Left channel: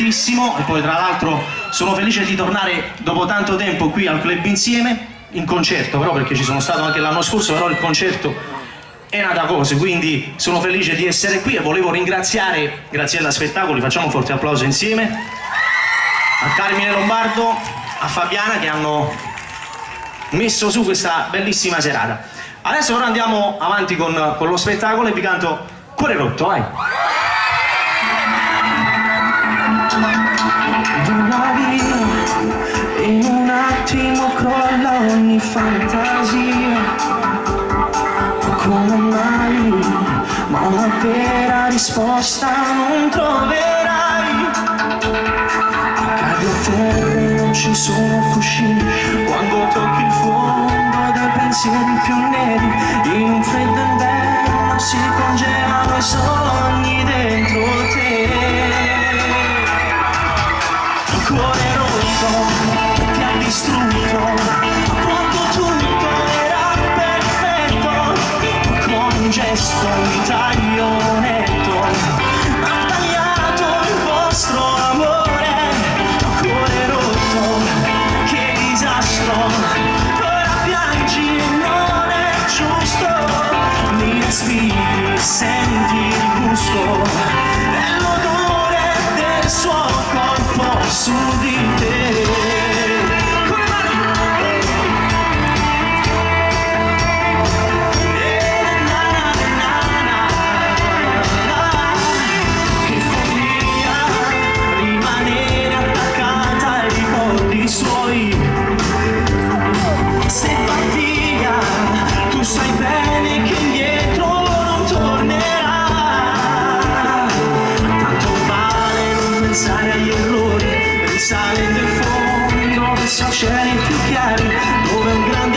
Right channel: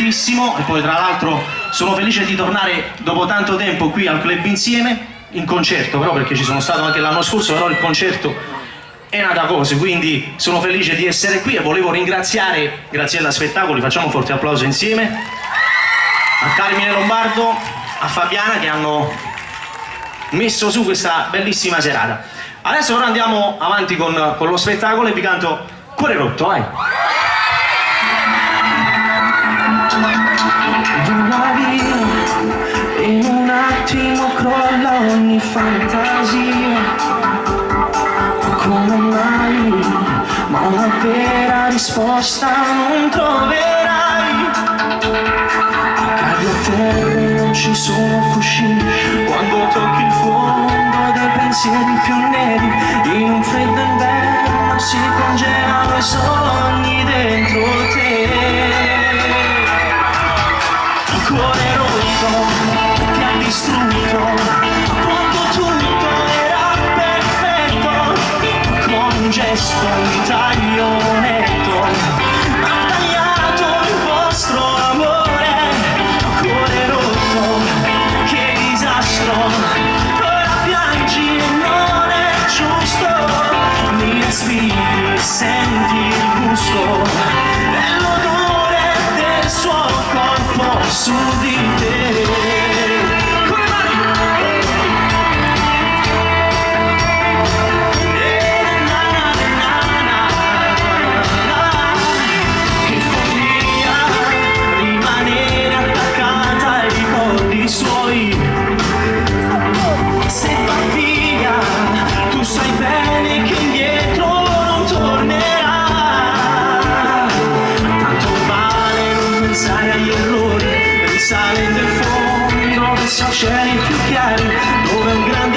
E poi tra l'altro sono felice di tornare dopo tanto tempo qui al club insieme, in concerto però, perché ci sono stato anche l'anno scorso, però il concerto è una cosa, quindi sono felice di essere qui e volevo ringraziare Graziella Spettacoli, facciamo un forte applauso insieme, a Carmine Lombardo, a Fabiana che hanno messo su questa bellissima serata. Adesso però andiamo avanti con lo spettacolo e vi canto Cuore rotto, vai! Vola via, in un attimo crolla ogni fantasia. Come mai? Ma una vera risposta non troverai. Cadi a terra e non ci sono cuscini. Quando tocchi il fondo dei pensieri più neri, in un freddo inverno si congelano i sogni dentro te. Il cuore rotto ti ha distrutto quando tutto era perfetto, con un gesto, un taglio netto ha tagliato il vostro amore. Il cuore rotto, che disastro, ora piangi e non è giusto, mi respiri, senti il gusto dell'odore del suo corpo su di te. Che follia rimanere attaccata ai ricordi suoi. Se va via, tu sai bene che indietro non tornerà. Tanto vale non pensare agli errori, risale del fondo verso cieli più chiari, dove un grande